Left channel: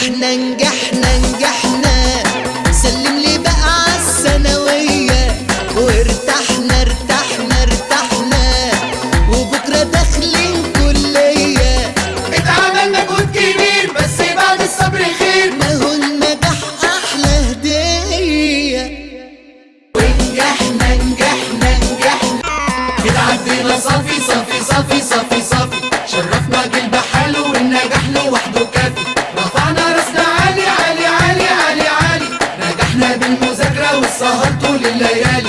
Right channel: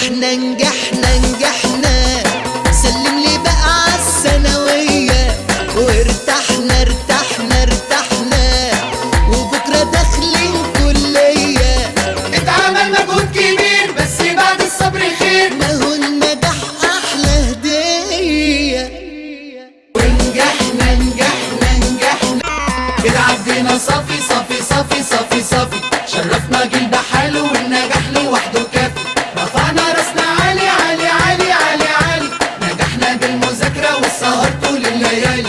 نجحنا نجحنا نجحنا، سلم لي بقى عالثانوية، وارتحنا ارتحنا ارتحنا، وبكرة داخلين كلية. اتعمل مجهود كبير بس بعد الصبر خير، ما هو النجاح أحلى هدية. نجحنا نجحنا نجحنا، عدينا صافي صافي صافي صافي صافي، شرفنا جيل بحاله والنجاح لوحده كافي، رفعنا راسنا عالي عالي عالي عالي عالي، نجحنا بالمذاكرة والسهر طول الليالي.